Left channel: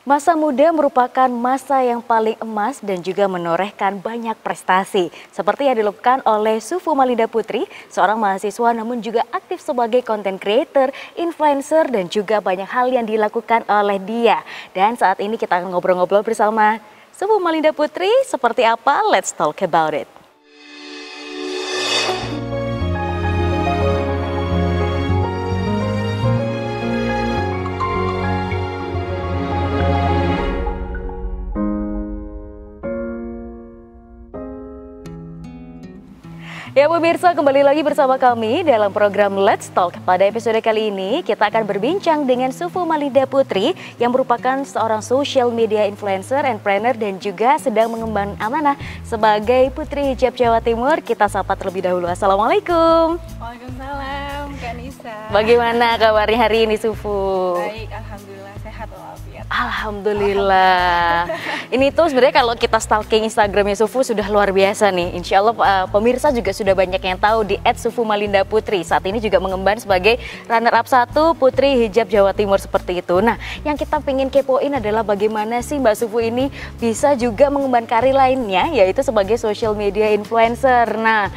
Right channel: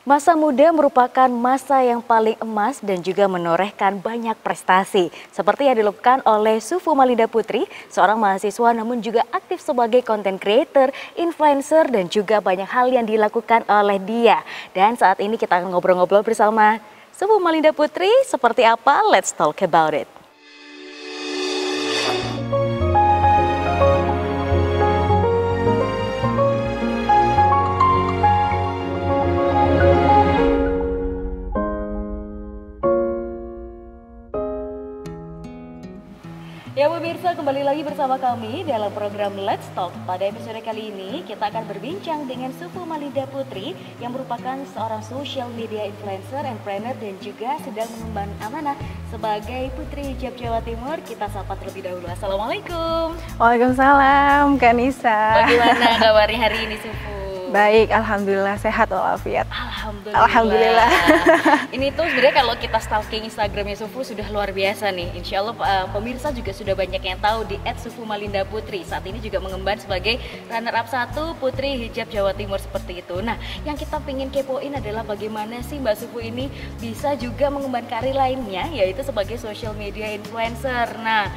Masa muda merupakan masa yang paling emas dan juga menorehkan banyak prestasi. Seperti yang dilakukan oleh Sufu Malinda Putri, seorang mahasiswa namun juga aktif sebagai content creator, influencer dan juga banyak hal yang dilakukan oleh dia. Dan saat ini kita akan ngobrol-ngobrol bersama Sufu Malinda Putri, seperti apa? Let's talk about it. Ya pemirsa, kembali lagi bersama kami dalam program Let's Talk. Pada episode kali ini kita akan berbincang dengan Sufu Malinda Putri yang merupakan seorang social media influencer, entrepreneur dan juga sedang mengemban amanah sebagai Putri Hijab Jawa Timur. Kita sapa terlebih dahulu. Assalamualaikum. Waalaikumsalam Kak Nisa. Bagaimana kabarnya hari ini Sufu? Baik, alhamdulillah sehat walafiat. Alhamdulillah. Ini tuh sebenarnya kalau kita stalking Instagramnya Sufu sudah luar biasa nih. Insya Allah pemirsa juga sudah banyak yang tahu di @sufumalinda_putri. Saat ini juga mengemban sebagai runner up 1 Putri Hijab Jawa Timur seperti itu. Nah, yang kita pengen kepoin adalah bagaimana sih Mbak Sufu ini bisa juga mengemban karir lainnya, yaitu sebagai social media influencer. Nah,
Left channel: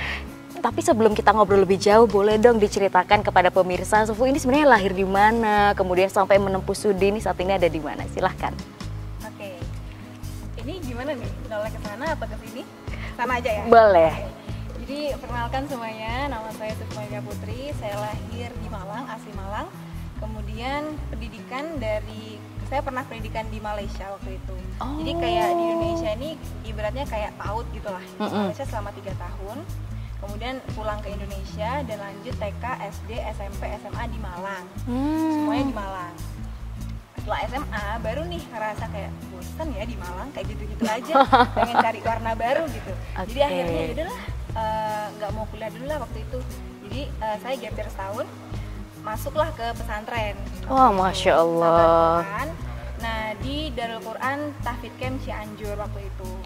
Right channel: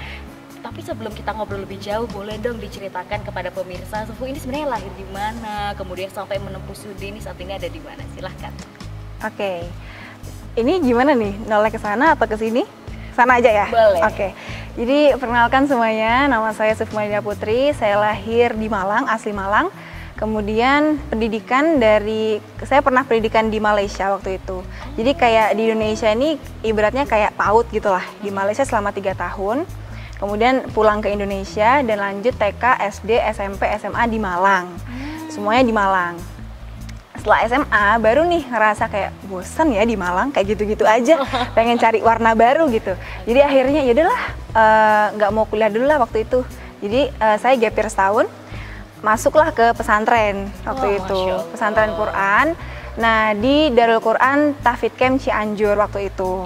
tapi sebelum kita ngobrol lebih jauh, boleh dong diceritakan kepada pemirsa Sufu ini sebenarnya lahir di mana, kemudian sampai menempuh studi ini saat ini ada di mana? Silahkan. Oke, ini gimana nih? Noleh ke sana atau ke sini? Sana aja ya? Boleh. Oke. Jadi perkenalkan semuanya, nama saya Sufu Malinda Putri, saya lahir di Malang, asli Malang. Kemudian saya pernah pendidikan di Malaysia waktu itu. Jadi kayak di Indonesia ini ibaratnya kayak PAUD gitu lah, di Malaysia selama 3 tahun. Kemudian pulang ke Indonesia dan lanjut TK, SD, SMP, SMA di Malang. Semuanya di Malang. Setelah SMA baru nih ngerasa kayak bosen ya di Malang, kayak gitu-gitu aja, pengen cari warna baru gitu. Jadi akhirnya yaudahlah, nggak mau kuliah dulu lah waktu itu. Jadi saya gap year setahun, masuklah ke pesantren waktu itu, pesantren Quran. Nah di Darul Quran Tahfidz Camp Cianjur waktu itu,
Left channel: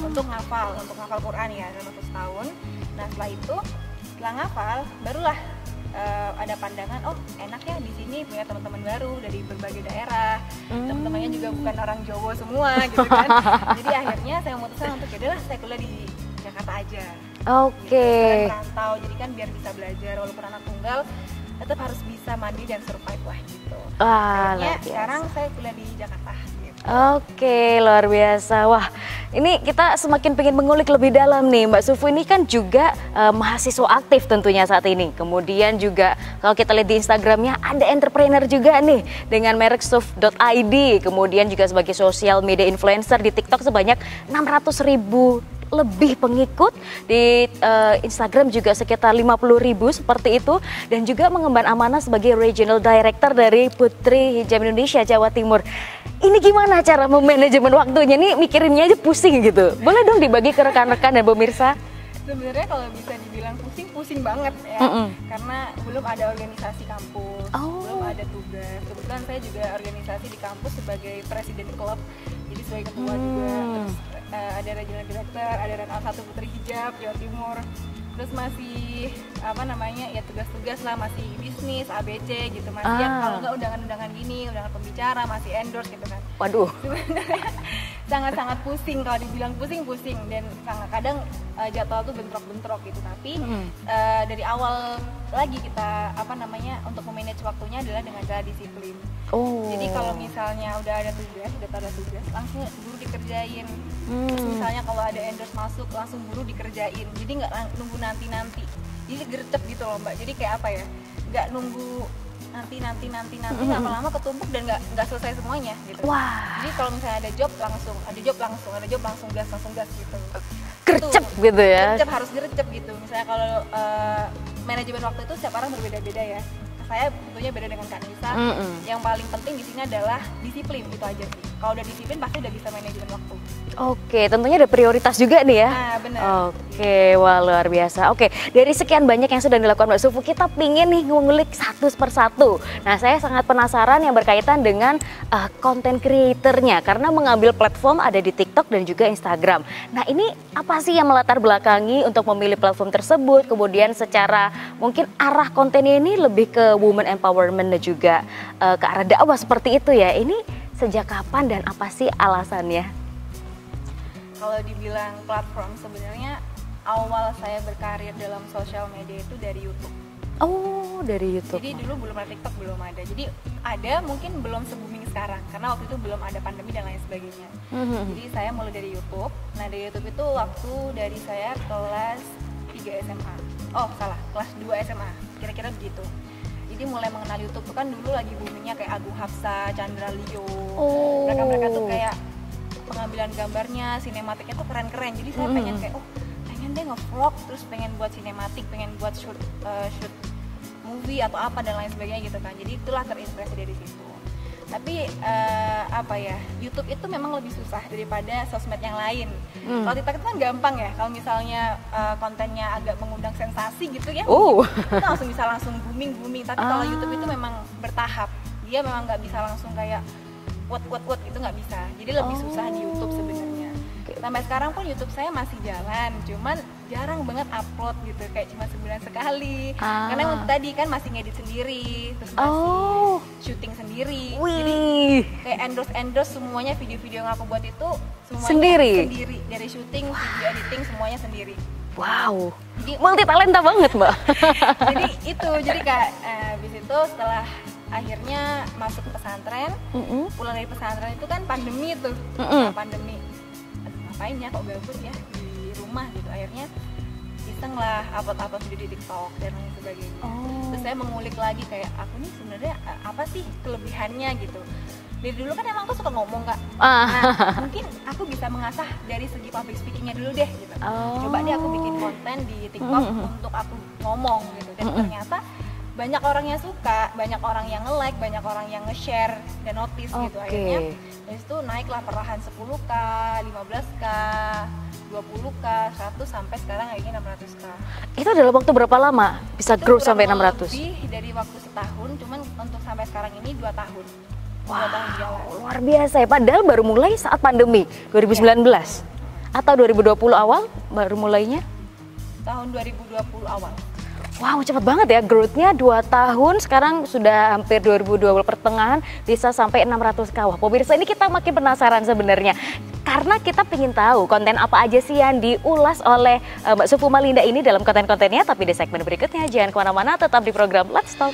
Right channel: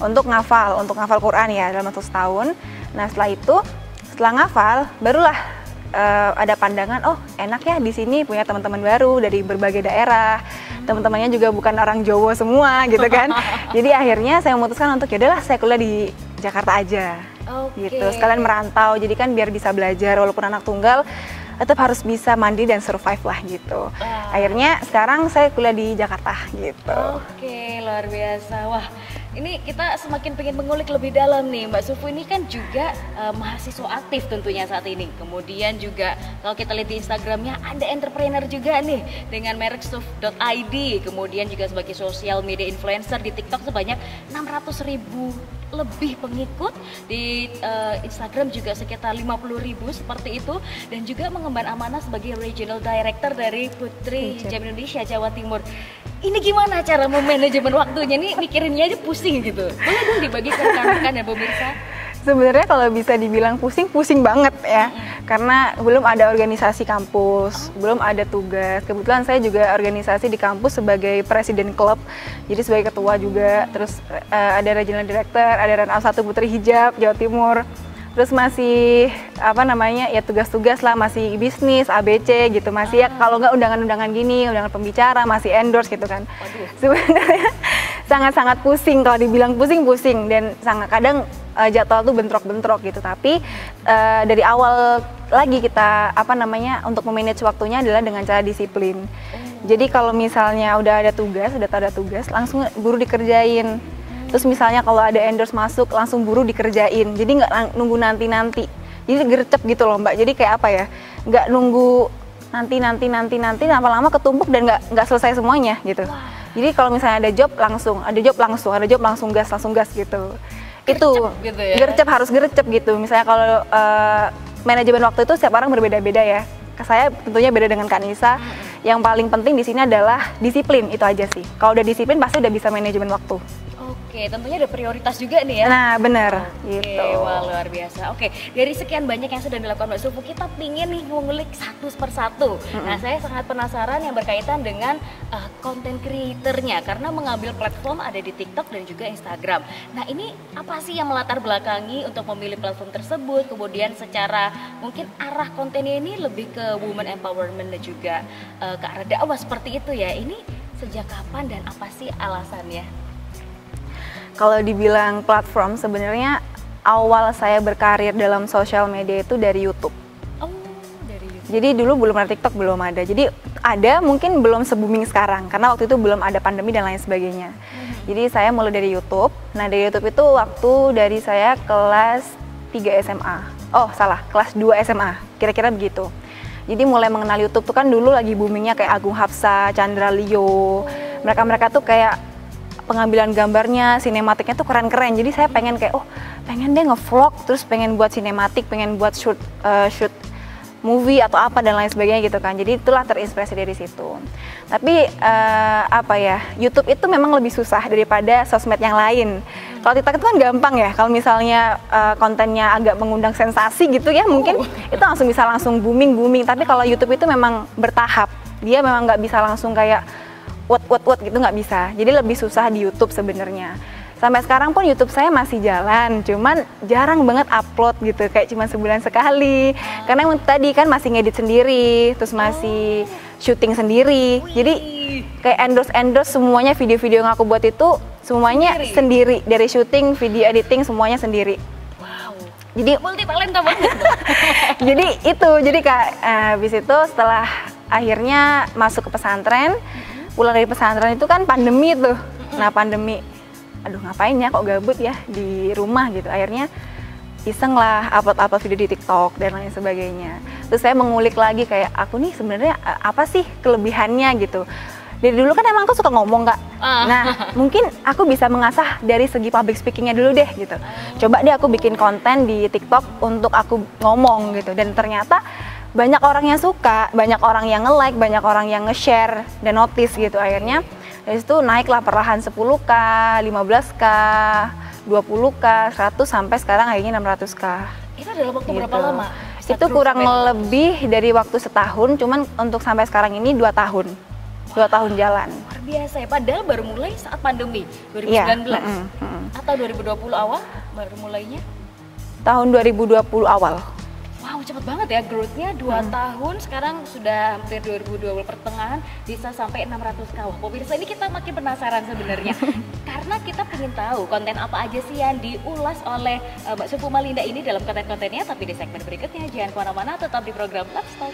untuk ngafal Quran ya dalam waktu setahun. Nah setelah ngafal barulah ada pandangan, oh enak ya di sini punya teman-teman baru dari berbagai daerah, teman-temannya juga bukan orang Jawa semua gitu kan. Jadi akhirnya saya memutuskan untuk yaudahlah saya kuliah di Jakarta aja. Gitu, sekalian merantau, jadi kan biar bisa belajar walaupun anak tunggal tetap harus bisa mandiri dan survive lah gitu. Akhirnya sekarang saya kuliah di Jakarta gitu. Oke, luar biasa. Wah, ini kita semakin pengen mengulik lebih dalam nih. Mbak Sufu ini kan juga mahasiswa aktif tentunya saat ini. Kemudian juga kalau kita lihat di Instagramnya ada entrepreneur juga nih dengan merek suf.id. Kemudian juga sebagai social media influencer di TikTok sebanyak 600.000 lebih pengikut, di Instagram juga sekitar 50.000 seperti itu, dan juga mengemban amanah sebagai regional director dari Putri Hijab Indonesia Jawa Timur. Ini gimana cara memanajemen waktunya? Nih mikirinnya aja pusing gitu. Boleh dong dibagi ke rekan-rekan dan pemirsa? Sebenarnya kalau bisa dibilang pusing banget ya, karena belum ada organisasi kampus, belum ada tugas. Kebetulan saya juga organisasi di kampus sebagai presiden klub, jadi sebagai ketua juga. Terus ada regional director, ada runner up 1 Putri Hijab Jawa Timur. Terus masih ya tugas-tugas lah, masih bisnis ABC gitu, masih ya kalau nggak undangan-undangan gini, undangan pembicara, masih endorse gitu kan. Waduh, sebenarnya sangat-sangat pusing, kalau dibilang pusing dan sangat kadang jadwal tuh bentrok-bentrok gitu. Tapi dari awal lagi kita untuk memanage waktunya adalah dengan cara disiplin. Jadi kalau misalnya udah ada tugas langsung buru dikerjain. Terus misalnya kalau ada endorse masuk langsung buru dikerjain, jadi nggak nunggu nanti, jadi gercep gitu loh Mbak. Jadi kayak apa ya, nggak nunggu nanti lama-lama ketumpuk dan nggak selesai semuanya gitu. Jadi kalau misalnya ada job langsung gas gitu. gercep gitu ya. Harus gercep gitu. Misalnya kalau manajemen waktu itu setiap orang berbeda-beda ya. Saya tentunya beda dengan Kak Nisa. Yang paling penting di sini adalah disiplin, itu aja sih. Kalau udah disiplin pasti udah bisa manajemen waktu. Oke, tentunya ada prioritas juga nih ya. Nah, benar. Oke, wah luar biasa. Oke, dari sekian banyak yang sudah dilakukan Mbak Sufu, kita pingin nih ngulik satu persatu. Nah, saya sangat penasaran yang berkaitan dengan content creator-nya, karena mengambil platform ada di TikTok dan juga Instagram. Nah, ini apa sih yang melatar belakangi untuk memilih platform tersebut? Kemudian secara mungkin arah kontennya ini lebih ke women empowerment dan juga ke arah dakwah seperti itu ya. Ini Sejak kapan dan apa sih alasannya? Kalau dibilang platform, sebenarnya awal saya berkarir dalam sosial media itu dari YouTube. Oh, dari YouTube. Jadi dulu belum ada TikTok, belum ada. Jadi ada, mungkin belum se-booming sekarang karena waktu itu belum ada pandemi dan lain sebagainya. Jadi saya mulai dari YouTube. Nah, dari YouTube itu waktu dari saya kelas 3 SMA. Oh, salah, kelas 2 SMA. Kira-kira begitu. Jadi mulai mengenal YouTube tuh kan dulu lagi boomingnya kayak Agung Hapsa, Chandra Leo. Mereka-mereka tuh kayak pengambilan gambarnya, sinematiknya tuh keren-keren. Jadi saya pengen kayak, oh pengen deh nge-vlog, terus pengen buat sinematik, pengen buat shoot movie atau apa dan lain sebagainya gitu kan. Jadi itulah terinspirasi dari situ. Tapi YouTube itu memang lebih susah daripada sosmed yang lain. Kalau TikTok itu kan gampang ya. Kalau misalnya kontennya agak mengundang sensasi gitu ya, mungkin itu langsung booming. Tapi kalau YouTube itu memang bertahap. Dia memang nggak bisa langsung kayak what gitu, nggak bisa. Jadi lebih susah di YouTube sebenarnya. Sampai sekarang pun YouTube saya masih jalan, cuman jarang banget upload gitu, kayak cuma sebulan sekali. Karena emang tadi kan masih ngedit sendiri, terus masih syuting sendiri. Jadi kayak endorse semuanya, video-video yang aku buat itu semuanya sendiri. Dari syuting, video editing semuanya sendiri. Wow, jadi multi talenta banget Mbak. jadi kayak habis itu setelah akhirnya masuk ke pesantren, pulang dari pesantren itu kan pandemi tuh. Nah pandemi, aduh ngapain ya kok gabut ya di rumah gitu. Akhirnya iseng lah upload video di TikTok dan lain sebagainya. Terus saya mengulik lagi kayak aku nih sebenarnya apa sih kelebihannya gitu. Dari dulu kan emang aku suka ngomong Kak. Nah mungkin aku bisa mengasah dari segi public speakingnya dulu deh gitu. Coba deh aku bikin konten di TikTok untuk aku ngomong gitu. Dan ternyata banyak orang yang suka, banyak orang yang nge-like, banyak orang yang nge-share dan notice gitu. Akhirnya dari situ naiklah perlahan 10K, 15K, 20K, 100 sampai sekarang akhirnya 600K. Itu dalam waktu berapa lama? Bisa itu kurang lebih dari waktu setahun, cuman untuk sampai sekarang ini 2 tahun. 2 tahun jalan. Luar biasa ya, padahal baru mulai saat pandemi 2019 atau 2020 awal baru mulainya? Tahun 2020 awal. Wow, cepat banget ya growth-nya 2 tahun, sekarang sudah hampir 2020 pertengahan bisa sampai 600K. Wah, pemirsa ini kita makin penasaran sebenarnya. Karena kita pengen tahu konten apa aja sih yang diulas oleh Mbak Sufu Malinda ini dalam konten-kontennya. Tapi di segmen berikutnya jangan kemana-mana, tetap di program Let's Talk.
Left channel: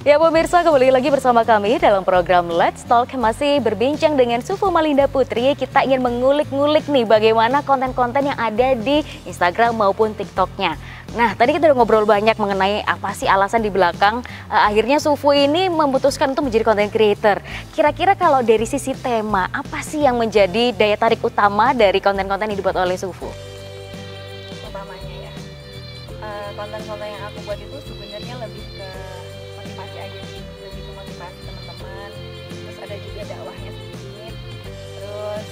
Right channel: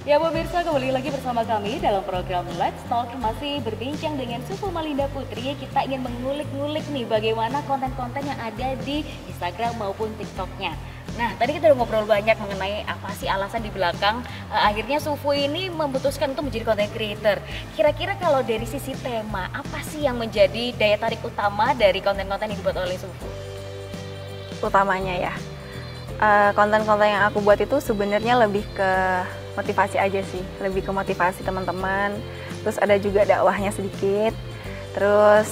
Ya pemirsa, kembali lagi bersama kami dalam program Let's Talk. Masih berbincang dengan Sufu Malinda Putri. Kita ingin mengulik-ngulik nih bagaimana konten-konten yang ada di Instagram maupun TikToknya. Nah, tadi kita udah ngobrol banyak mengenai apa sih alasan di belakang akhirnya Sufu ini memutuskan untuk menjadi content creator. Kira-kira kalau dari sisi tema, apa sih yang menjadi daya tarik utama dari konten-konten yang dibuat oleh Sufu? Utamanya ya, konten-konten yang aku buat itu sebenarnya lebih ke motivasi aja sih, lebih ke motivasi teman-teman. Terus ada juga dakwahnya sedikit. Terus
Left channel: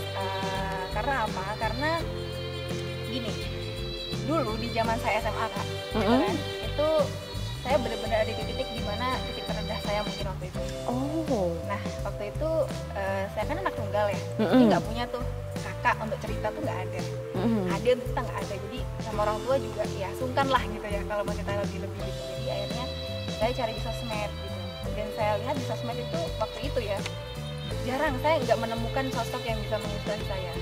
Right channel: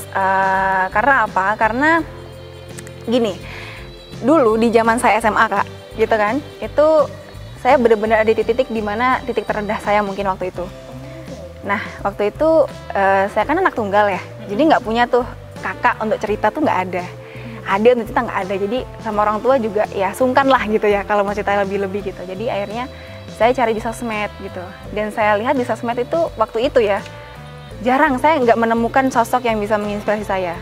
karena apa? Karena gini, dulu di zaman saya SMA Kak, gitu kan, itu saya benar-benar ada di titik dimana titik terendah saya mungkin waktu itu. Nah waktu itu saya kan anak tunggal ya, jadi nggak punya tuh kakak untuk cerita tuh nggak ada. Ada untuk cerita nggak ada, jadi sama orang tua juga ya sungkan lah gitu ya kalau mau cerita lebih-lebih gitu. Jadi akhirnya saya cari di sosmed gitu, dan saya lihat di sosmed itu waktu itu ya jarang, saya nggak menemukan sosok yang bisa menginspirasi saya.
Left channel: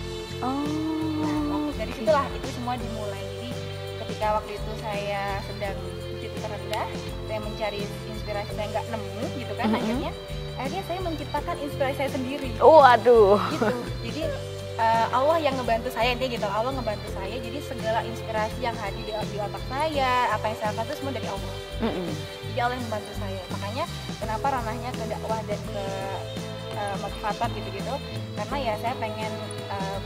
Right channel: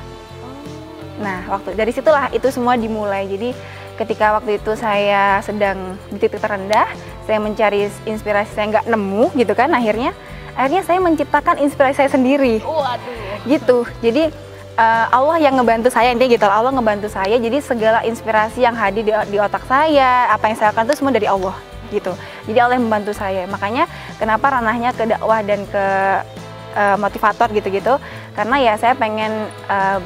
Nah waktu dari situlah itu semua dimulai. Jadi ketika waktu itu saya sedang di titik terendah, saya mencari inspirasi, saya nggak nemu gitu kan. Akhirnya saya menciptakan inspirasi saya sendiri. Waduh. Gitu. Jadi Allah yang ngebantu saya, intinya gitu. Allah ngebantu saya, jadi segala inspirasi yang hadir di otak saya, apa yang saya lakukan itu semua dari Allah gitu. Jadi Allah yang membantu saya. Makanya kenapa ranahnya ke dakwah dan ke motivator gitu-gitu, karena ya saya pengen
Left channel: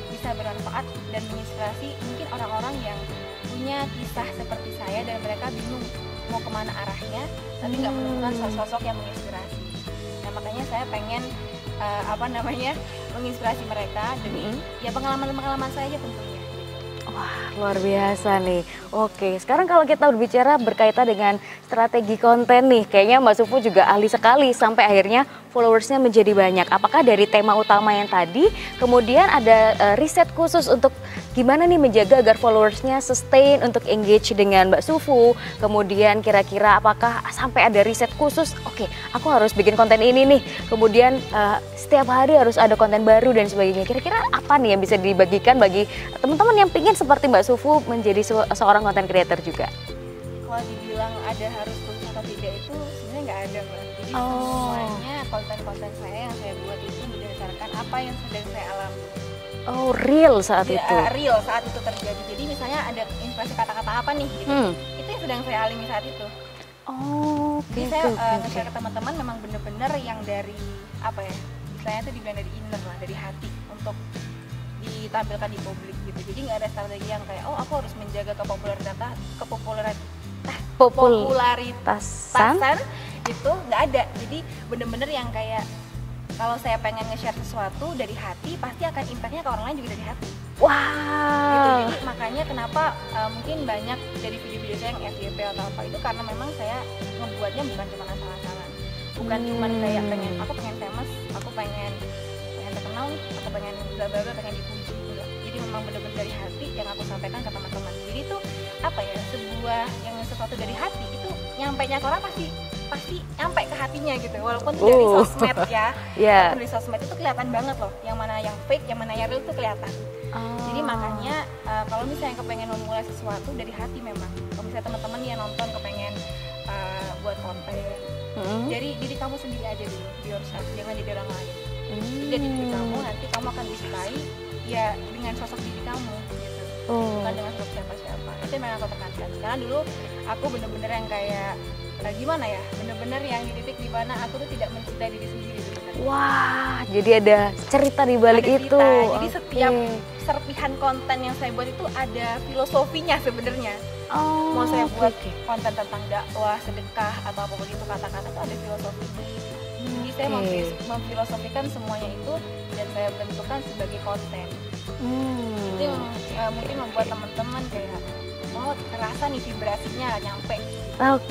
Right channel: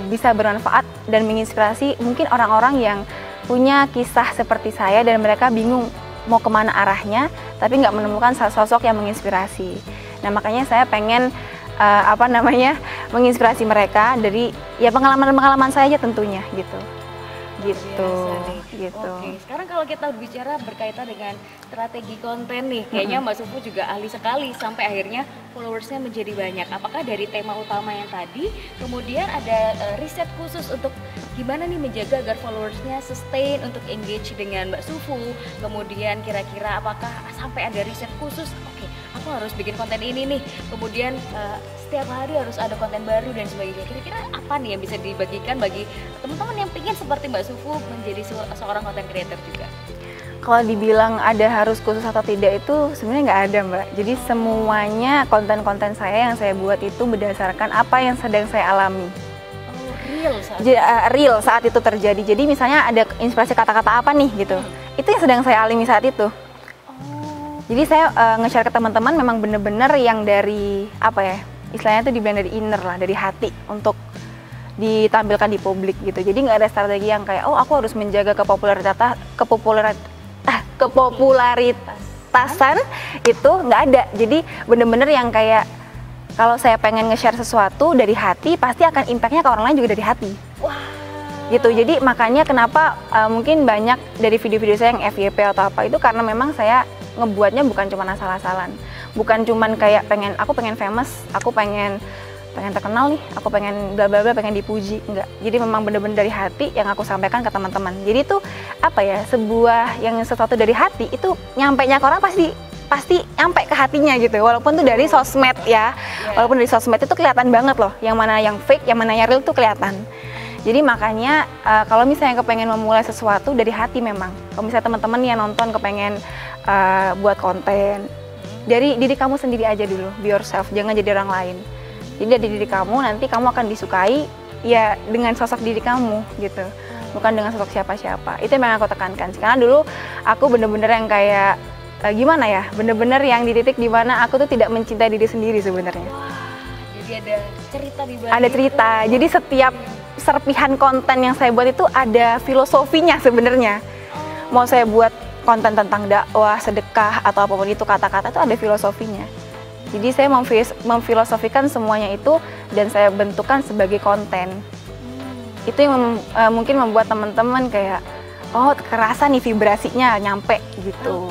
bisa bermanfaat dan menginspirasi mungkin orang-orang yang punya kisah seperti saya dan mereka bingung mau kemana arahnya, tapi nggak menemukan sosok yang menginspirasi. Nah makanya saya pengen menginspirasi mereka dari ya pengalaman-pengalaman saya aja tentunya gitu. Luar biasa nih. Gitu. Oke, sekarang kalau kita berbicara berkaitan dengan strategi konten nih, kayaknya Mbak Sufu juga ahli sekali sampai akhirnya followersnya menjadi banyak. Apakah dari tema utama yang tadi, kemudian ada riset khusus untuk gimana nih menjaga agar followersnya sustain untuk engage dengan Mbak Sufu? Kemudian kira-kira apakah sampai ada riset khusus? Oke, aku harus bikin konten ini nih. Kemudian setiap hari harus ada konten baru dan sebagainya. Kira-kira apa nih yang bisa dibagikan bagi teman-teman yang pingin seperti Mbak Sufu menjadi seorang content creator juga? Kalau dibilang ada harus khusus atau tidak itu sebenarnya nggak ada, Mbak. Jadi semuanya konten-konten saya yang saya buat itu berdasarkan apa yang sedang saya alami. Oh, real saat itu? Real saat itu terjadi. Jadi misalnya ada inspirasi kata-kata apa nih gitu. Itu yang sedang saya alami saat itu. Oh. Jadi saya nge-share ke teman-teman memang bener-bener yang dari apa ya? Istilahnya itu dibilang dari inner lah, dari hati untuk ditampilkan di publik gitu. Jadi nggak ada strategi yang kayak oh aku harus menjaga kepopularitasan itu nggak ada. Jadi bener-bener yang kayak kalau saya pengen nge-share sesuatu dari hati pasti akan impactnya ke orang lain juga dari hati. Wah. Gitu. Jadi makanya kenapa mungkin banyak dari video-video saya yang FYP atau apa itu karena memang saya ngebuatnya bukan cuma asal-asalan. Bukan cuman kayak aku pengen famous, aku pengen terkenal nih, aku pengen bla bla bla, pengen dipuji, enggak. Jadi memang bener-bener dari hati yang aku sampaikan ke teman-teman. Jadi itu apa ya, sebuah yang sesuatu dari hati itu nyampe-nya ke orang pasti nyampe ke hatinya gitu. Walaupun itu dari sosmed ya. Walaupun dari sosmed itu kelihatan banget loh, yang mana yang fake, yang mana yang real tuh kelihatan. Jadi makanya kalau misalnya kepengen memulai sesuatu dari hati memang. Kalau misalnya teman-teman yang nonton kepengen buat konten, dari diri kamu sendiri aja dulu, be yourself, jangan jadi orang lain. Jadi dari diri kamu, nanti kamu akan disukai ya dengan sosok diri kamu gitu, bukan dengan sosok siapa-siapa. Itu yang aku tekankan. Karena dulu aku bener-bener yang kayak gimana ya, bener-bener yang di titik dimana aku tuh tidak mencintai diri sendiri sebenarnya. Wah, jadi ada cerita di balik itu. Ada cerita. Jadi setiap serpihan konten yang saya buat itu ada filosofinya sebenarnya. Mau saya buat konten tentang dakwah, sedekah atau apapun itu, kata-kata itu ada filosofinya. Jadi saya memfilosofikan semuanya itu dan saya bentukkan sebagai konten. Itu yang mungkin membuat teman-teman kayak oh kerasa nih vibrasinya nyampe gitu.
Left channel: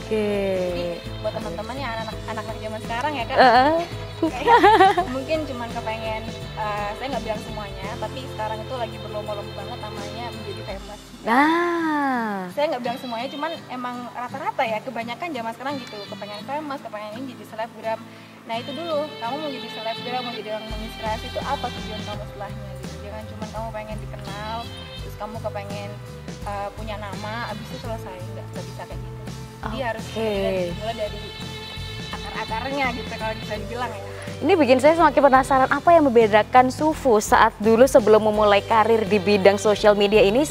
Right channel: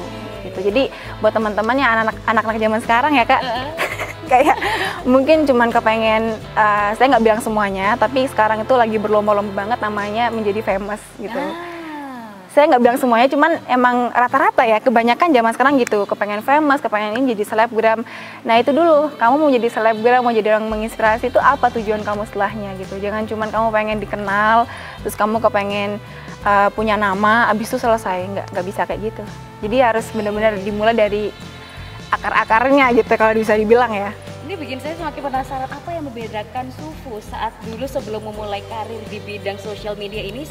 Jadi buat teman-teman yang anak-anak zaman sekarang ya Kak, kayak mungkin cuman kepengen saya nggak bilang semuanya, tapi sekarang itu lagi berlomba-lomba banget namanya menjadi famous gitu. Saya nggak bilang semuanya, cuman emang rata-rata ya, kebanyakan zaman sekarang gitu, kepengen famous, kepengen ini jadi selebgram. Nah itu dulu, kamu mau jadi selebgram, mau jadi orang menginspirasi itu apa tujuan kamu setelahnya gitu. Jangan cuman kamu pengen dikenal, terus kamu kepengen punya nama, abis itu selesai, nggak bisa kayak gitu. Jadi harus benar-benar dimulai dari akar-akarnya gitu kalau bisa dibilang ya. Ini bikin saya semakin penasaran apa yang membedakan Sufu saat dulu sebelum memulai karir di bidang sosial media ini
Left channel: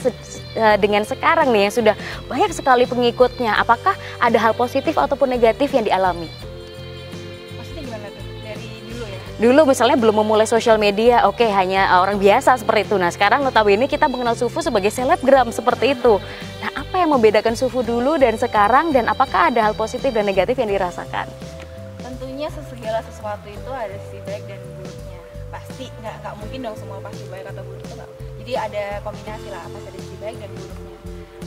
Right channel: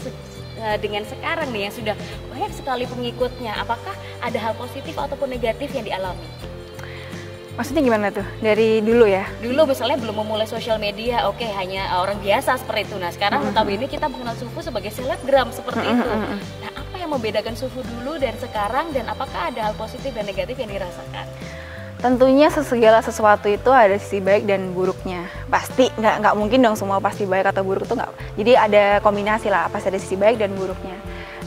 dengan sekarang nih yang sudah banyak sekali pengikutnya. Apakah ada hal positif ataupun negatif yang dialami? Maksudnya gimana tuh? Dari dulu ya? Dulu misalnya belum memulai sosial media, oke, hanya orang biasa seperti itu. Nah sekarang notabene kita mengenal Sufu sebagai selebgram seperti itu. Nah apa yang membedakan Sufu dulu dan sekarang, dan apakah ada hal positif dan negatif yang dirasakan? Tentunya segala sesuatu itu ada sisi baik dan buruknya. Pasti nggak mungkin dong semua pasti baik atau buruk itu nggak. Jadi ada kombinasi lah, pasti ada sisi baik dan buruknya.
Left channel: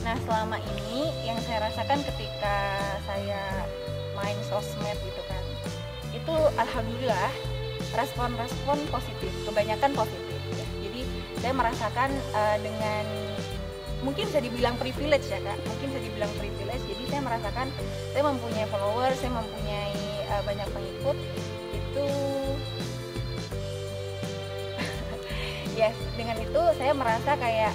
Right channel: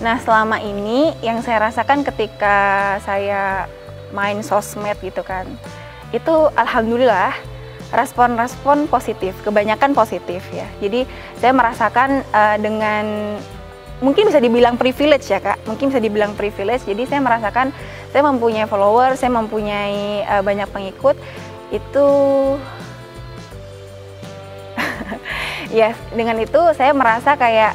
Nah selama ini yang saya rasakan ketika saya main sosmed gitu kan, itu alhamdulillah respon-respon positif, kebanyakan positif ya. Jadi saya merasakan dengan mungkin bisa dibilang privilege ya Kak, mungkin bisa dibilang privilege. Jadi saya merasakan saya mempunyai follower, saya mempunyai banyak pengikut itu ya, dengan itu saya merasa kayak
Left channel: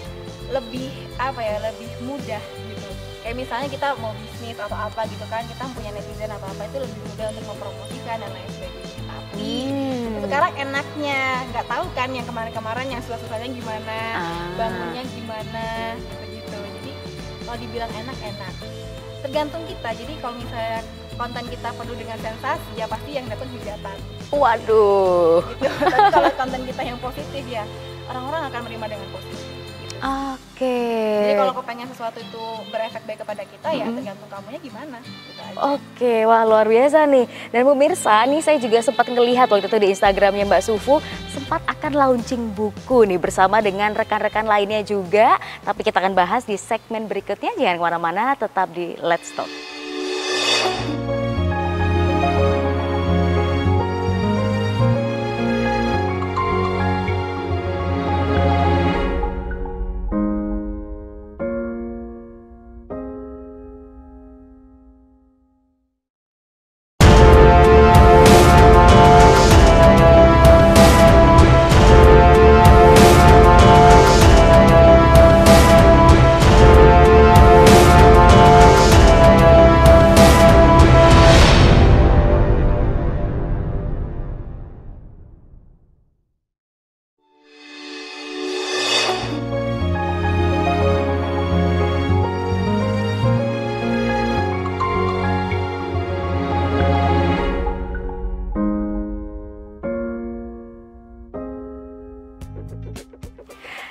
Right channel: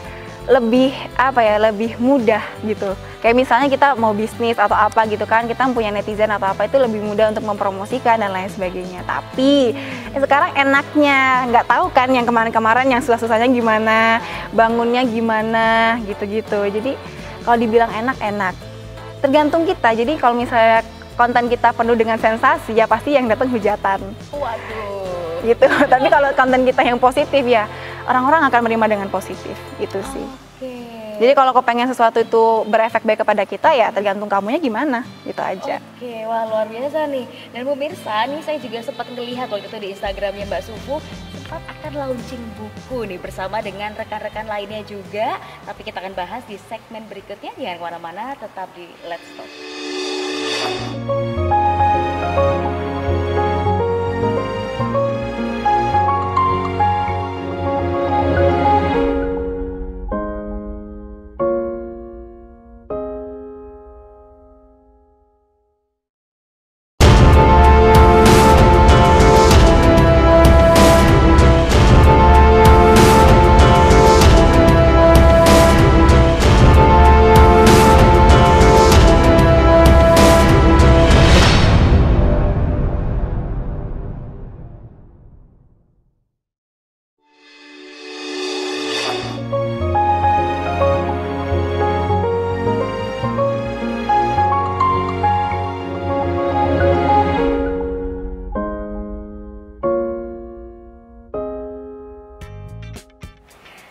lebih apa ya, lebih mudah gitu. Kayak misalnya kita mau bisnis atau apa gitu kan, kita punya netizen atau apa, itu lebih mudah untuk mempromosikan dan lain sebagainya. Tapi sekarang enaknya nggak tahu kan yang kemarin-kemarin yang susah-susahnya gimana, bangunnya gimana gitu-gitu. Jadi kalau dibilang enak, tergantung kita. Jadi kalau misalnya konten kita penuh dengan sensasi, ya pasti yang datang hujatan. Waduh. Gitu. Tapi kalau konten kita yang positif ya orang-orang akan menerima dengan positif, itu sih. Oke. Jadi kalau kau pengen sesuatu itu berefek baik kepada kita, ya tergantung kamunya gimana, gitu aja. Oke, wah luar biasa nih. Dan pemirsa, nih saya juga sempat ngelihat waktu itu di Instagramnya Mbak Sufu, sempat akan launching buku nih bersama dengan rekan-rekan lainnya juga. Tapi kita akan bahas di segmen berikutnya, jangan kemana-mana, tetap di Let's Talk.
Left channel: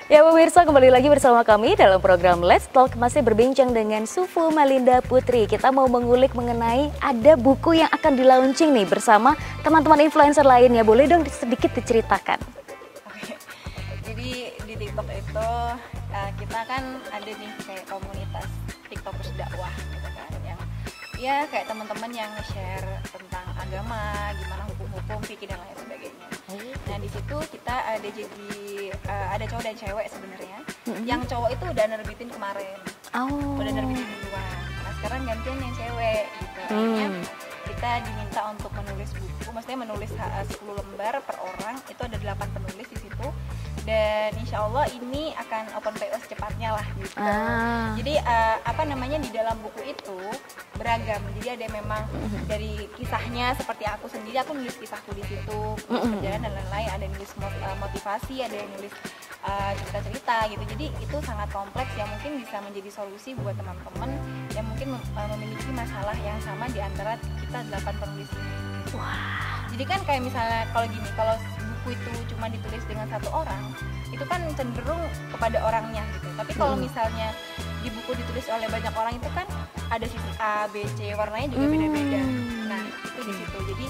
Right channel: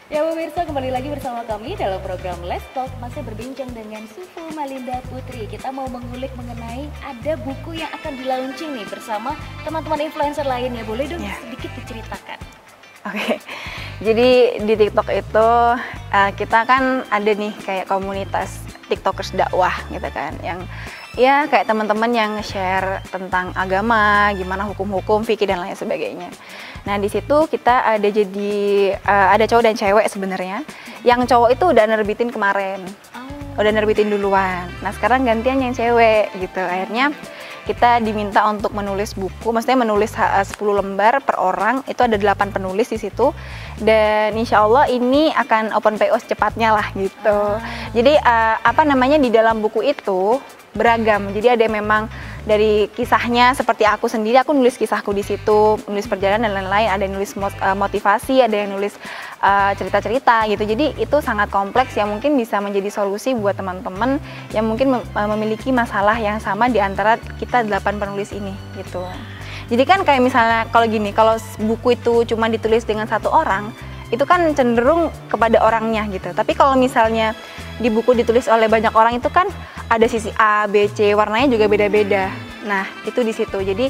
Ya pemirsa, kembali lagi bersama kami dalam program Let's Talk, masih berbincang dengan Sufu Malinda Putri. Kita mau mengulik mengenai ada buku yang akan di-launching nih bersama teman-teman influencer lainnya. Boleh dong sedikit diceritakan? Oke, jadi di TikTok itu kita kan ada nih kayak komunitas TikTokers dakwah gitu kan, yang ya kayak teman-teman yang share tentang agama, gimana hukum-hukum, fikih dan lain sebagainya. Nah di situ kita ada ada cowok dan cewek sebenarnya. Yang cowok itu udah nerbitin kemarin, udah nerbitin duluan. Nah sekarang gantian yang cewek gitu. Akhirnya kita diminta untuk menulis buku, maksudnya menulis 10 lembar per orang, itu ada 8 penulis di situ, dan insya Allah ini akan open PO secepatnya lah gitu. Jadi apa namanya, di dalam buku itu beragam, jadi ada memang dari kisahnya seperti aku sendiri, aku nulis kisahku di situ, nulis perjalanan dan lain-lain, ada yang nulis motivasi, ada yang nulis cerita-cerita gitu. Jadi itu sangat kompleks yang mungkin bisa menjadi solusi buat teman-teman yang mungkin memiliki masalah yang sama di antara kita 8 penulis ini gitu. Jadi kan kayak misalnya kalau gini, kalau buku itu cuma ditulis dengan satu orang, itu kan cenderung kepada orangnya gitu. Tapi kalau misalnya di buku ditulis oleh banyak orang, itu kan ada sisi A, B, C, warnanya juga beda-beda. Nah itu di situ. Jadi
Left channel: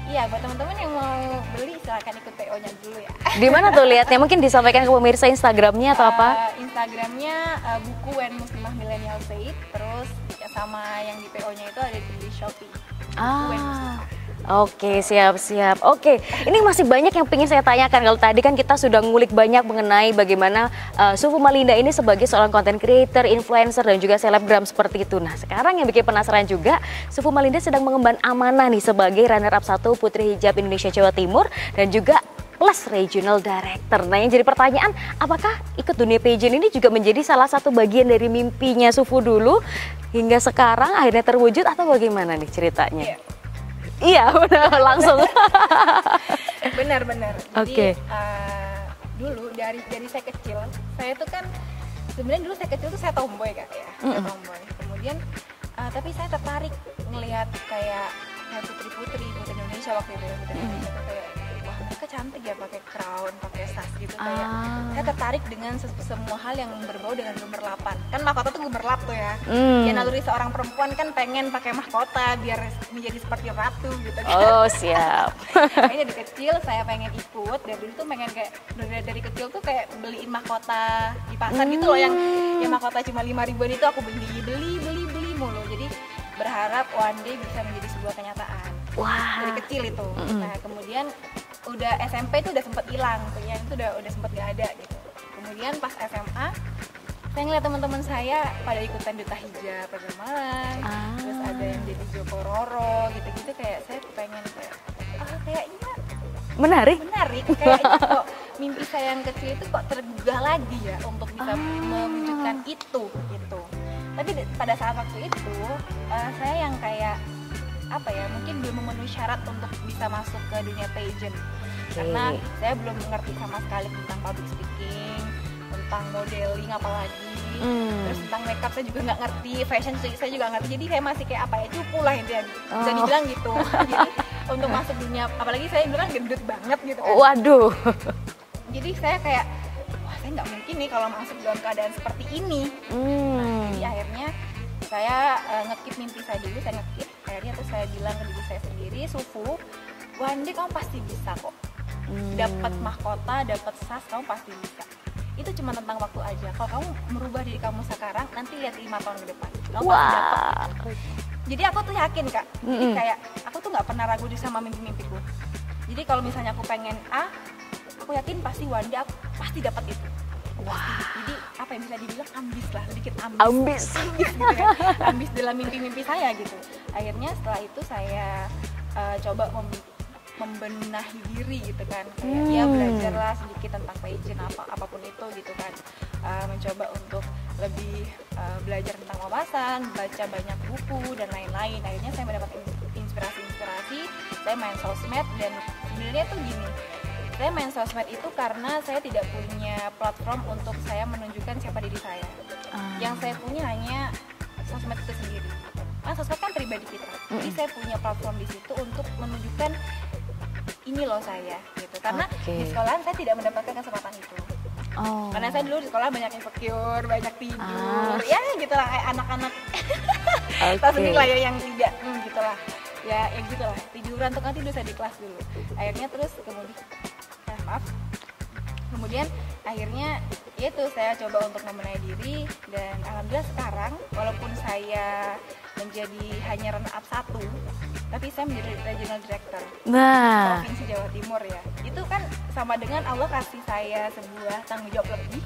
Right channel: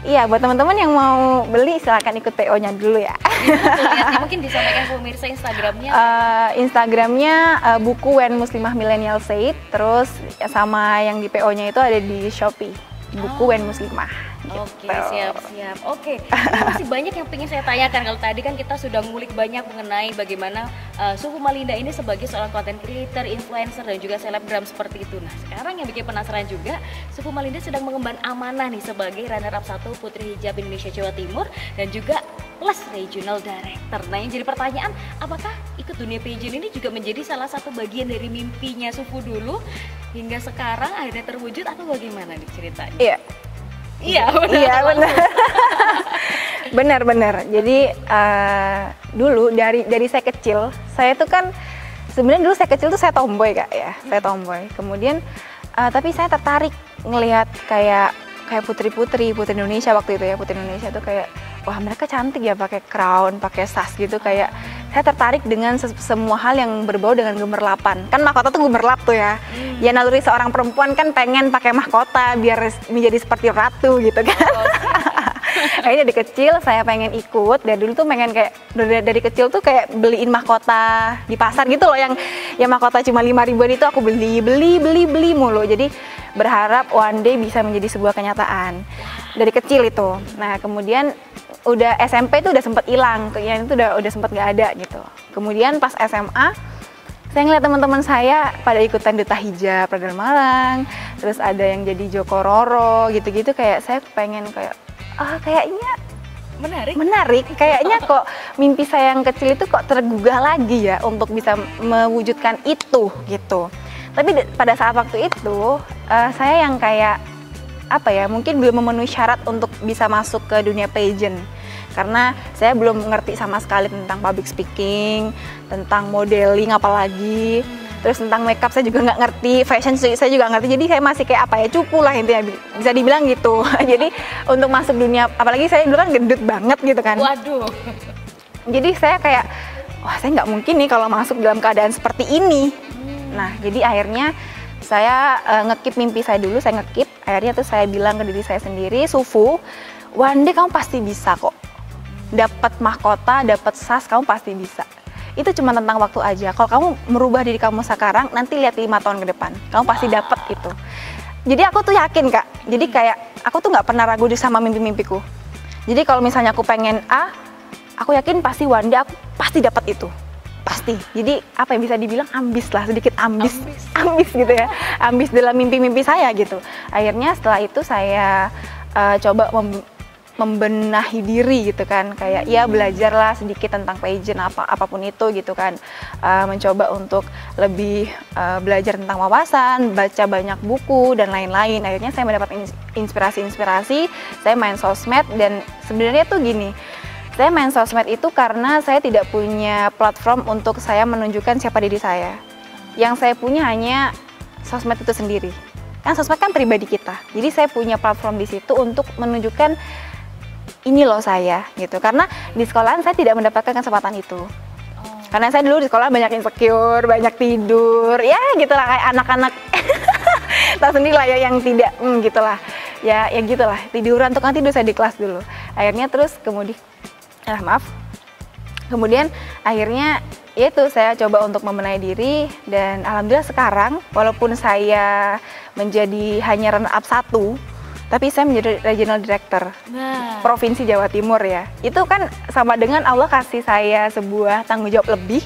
iya, buat teman-teman yang mau beli silahkan ikut PO-nya dulu ya. Gimana tuh lihatnya? Mungkin disampaikan ke pemirsa Instagramnya atau apa? Instagramnya buku When Muslimah Millennial Said, terus sama yang di PO-nya itu ada di Shopee, buku When Muslimah. Oke, siap-siap. Oke, ini masih banyak yang ingin saya tanyakan. Kalau tadi kan kita sudah ngulik banyak mengenai bagaimana Sufu Malinda ini sebagai seorang content creator, influencer, dan juga selebgram seperti itu. Nah, sekarang yang bikin penasaran juga, Sufu Malinda sedang mengemban amanah nih sebagai runner-up 1 Putri Hijab Indonesia Jawa Timur dan juga Plus Regional Director. Nah, yang jadi pertanyaan, apakah ikut dunia pageant ini juga menjadi salah satu bagian dari mimpinya Sufu dulu hingga sekarang akhirnya terwujud, atau bagaimana nih ceritanya? Iya, benar, langsung. Benar. Jadi dulu dari saya kecil, saya tuh kan sebenarnya dulu saya kecil tuh saya tomboy Kak ya, saya tomboy. Kemudian tapi saya tertarik ngelihat kayak putri Indonesia waktu itu ya, putri Indonesia tuh kayak wah mereka cantik ya, pakai crown, pakai sas gitu, kayak saya tertarik dengan semua hal yang berbau dengan gemerlapan. Kan mahkota tuh gemerlap tuh ya. Ya naluri seorang perempuan kan pengen pakai mahkota biar menjadi seperti ratu gitu kan. Oh siap. Kayaknya dari kecil saya pengen ikut, dari dulu tuh pengen kayak dari kecil tuh kayak beliin mahkota di pasar gitu loh, yang mahkota cuma 5.000-an itu aku beli mulu. Jadi berharap one day bisa menjadi sebuah kenyataan. Dari kecil itu. Nah kemudian udah SMP itu udah sempat hilang, yang itu udah sempat nggak ada gitu. Kemudian pas SMA saya ngeliat teman-teman saya pada ikutan duta hijab Radar Malang, terus ada yang jadi Joko Roro gitu-gitu, kayak saya pengen kayak kayaknya Menarik, kayaknya kok mimpi saya yang kecil itu kok tergugah lagi ya untuk bisa mewujudkan itu gitu. Tapi pada saat waktu itu saya yang kayak apa ya, mungkin belum memenuhi syarat untuk bisa masuk ke dunia pageant. Karena saya belum ngerti sama sekali tentang public speaking, tentang modeling apalagi, terus tentang makeup saya juga nggak ngerti, fashion saya juga nggak ngerti, jadi saya masih kayak apa ya, cupu lah intinya, bisa dibilang gitu. Jadi untuk masuk dunia, apalagi saya dulu kan gendut banget gitu kan. Waduh. Jadi saya kayak, wah saya nggak mungkin nih kalau masuk dalam keadaan seperti ini. Nah jadi akhirnya saya ngekip mimpi saya dulu, saya ngekip, akhirnya tuh saya bilang ke diri saya sendiri, Sufu, one day kamu pasti bisa kok. Dapat mahkota, dapat sas, kamu pasti bisa. Itu cuma tentang waktu aja. Kalau kamu merubah diri kamu sekarang, nanti lihat 5 tahun ke depan, kamu pasti dapat gitu. Jadi aku tuh yakin Kak. Jadi kayak aku tuh nggak pernah ragu sama mimpi-mimpiku. Jadi kalau misalnya aku pengen A, aku yakin pasti one day aku pasti dapat itu. Pasti. Jadi apa yang bisa dibilang ambis lah, sedikit ambis gitu ya. Ambis dalam mimpi-mimpi saya gitu. Akhirnya setelah itu saya coba membenahi diri gitu kan, kayak ya belajarlah sedikit tentang pageant apapun itu gitu kan, mencoba untuk lebih belajar tentang wawasan, baca banyak buku dan lain-lain. Akhirnya saya mendapat inspirasi, saya main sosmed. Dan sebenarnya tuh gini, saya main sosmed itu karena saya tidak punya platform untuk saya menunjukkan siapa diri saya. Yang saya punya hanya sosmed itu sendiri. Kan sosmed kan pribadi kita, jadi saya punya platform di situ untuk menunjukkan ini loh saya gitu. Karena di sekolahan saya tidak mendapatkan kesempatan itu. Karena saya dulu di sekolah banyak insecure, banyak tidur, ya gitulah kayak anak-anak. Tahu sendiri lah ya yang tidak, gitulah. Ya gitulah, tiduran tukang tidur saya di kelas dulu. Akhirnya terus kemudian akhirnya itu saya coba untuk membenahi diri, dan alhamdulillah sekarang walaupun saya menjadi hanya runner up 1, tapi saya menjadi regional director Provinsi Jawa Timur ya. Itu kan sama dengan Allah kasih saya sebuah tanggung jawab lebih,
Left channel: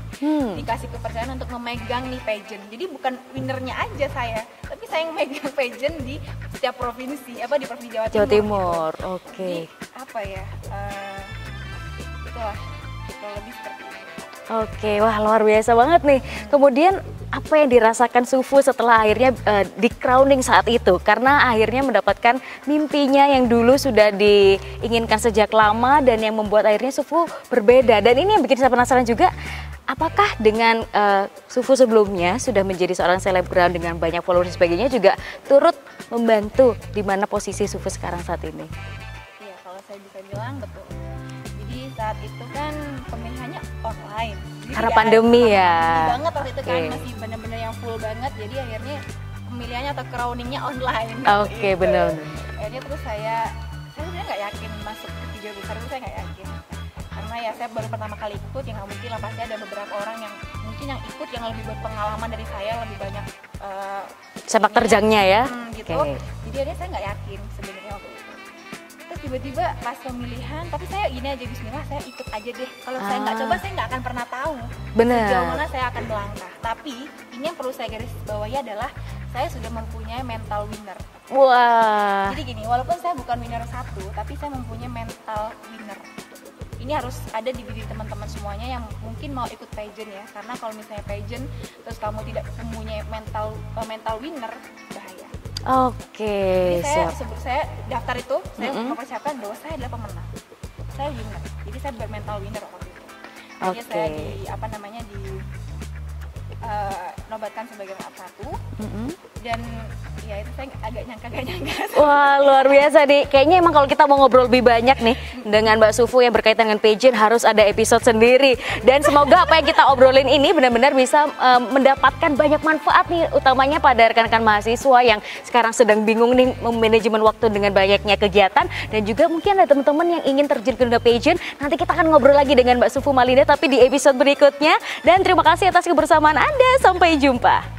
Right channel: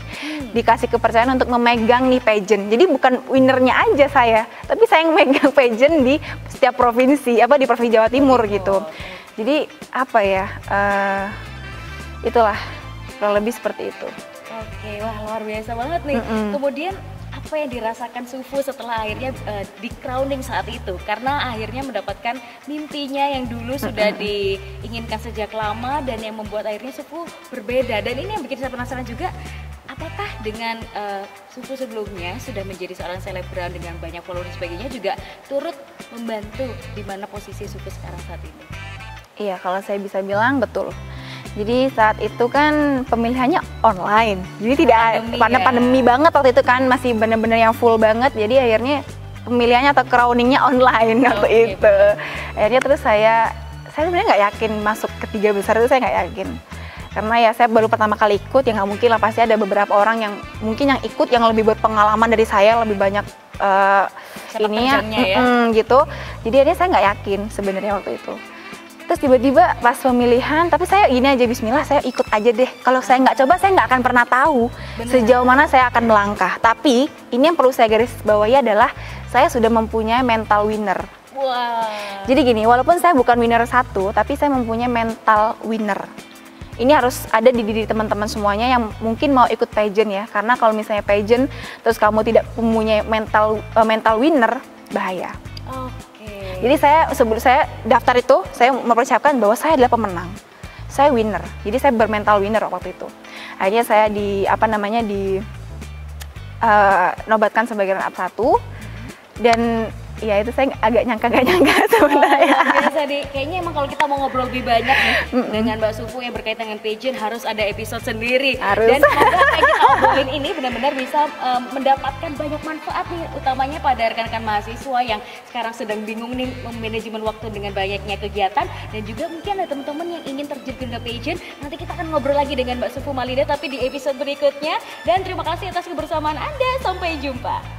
dikasih kepercayaan untuk memegang nih pageant. Jadi bukan winnernya aja saya, tapi saya yang memegang pageant di setiap provinsi, di Provinsi Jawa Timur gitu. Jadi apa ya, itulah kurang lebih seperti itu. Oke, wah luar biasa banget nih. Kemudian apa yang dirasakan Sufu setelah akhirnya di crowning saat itu? Karena akhirnya mendapatkan mimpinya yang dulu sudah diinginkan sejak lama, dan yang membuat akhirnya Sufu berbeda. Dan ini yang bikin saya penasaran juga, apakah dengan Sufu sebelumnya sudah menjadi seorang selebgram dengan banyak follower dan sebagainya juga turut membantu di mana posisi Sufu sekarang saat ini? Iya, kalau saya bisa bilang betul. Jadi saat itu kan pemilihannya online, jadi tidak pandemi pandemi banget waktu itu kan, masih benar-benar yang full banget. Jadi akhirnya pemilihannya atau crowningnya online waktu itu. Bener. Akhirnya terus saya sebenarnya nggak yakin masuk ke 3 besar itu, saya nggak yakin. Karena ya saya baru pertama kali ikut, ya nggak mungkin lah, pasti ada beberapa orang yang mungkin yang ikut yang lebih buat pengalaman dari saya, lebih banyak sepak terjangnya ya. Gitu. Jadi akhirnya saya nggak yakin sebenarnya waktu itu. Terus tiba-tiba pas pemilihan, tapi saya gini aja, bismillah saya ikut aja deh. Kalau saya nggak coba, saya nggak akan pernah tahu sejauh mana saya akan melangkah. Tapi ini yang perlu saya garis bawahi adalah saya sudah mempunyai mental winner. Wah. Jadi gini, walaupun saya bukan winner 1, tapi saya mempunyai mental winner. Ini harus ada di diri teman-teman semuanya yang mungkin mau ikut pageant ya. Karena kalau misalnya pageant terus kamu tidak mempunyai mental winner, bahaya. Oke. Jadi sebelum saya daftar itu, saya mempersiapkan bahwa saya adalah pemenang. Saya winner. Jadi saya bermental winner waktu itu. Akhirnya saya nobatkan sebagai runner up 1. Dan ya itu saya agak nyangka sebenarnya. Luar biasa nih. Kayaknya emang kalau kita mau ngobrol lebih banyak nih dengan Mbak Sufu yang berkaitan dengan pageant, harus ada episode sendiri. Dan semoga apa yang kita obrolin ini benar-benar bisa mendapatkan banyak manfaat nih, utamanya pada rekan-rekan mahasiswa yang sekarang sedang bingung nih manajemen waktu dengan banyaknya kegiatan, dan juga mungkin ada teman-teman yang ingin terjun ke dunia pageant. Nanti kita akan ngobrol lagi dengan Mbak Sufu Malinda tapi di episode berikutnya. Dan terima kasih atas kebersamaan Anda. Sampai jumpa.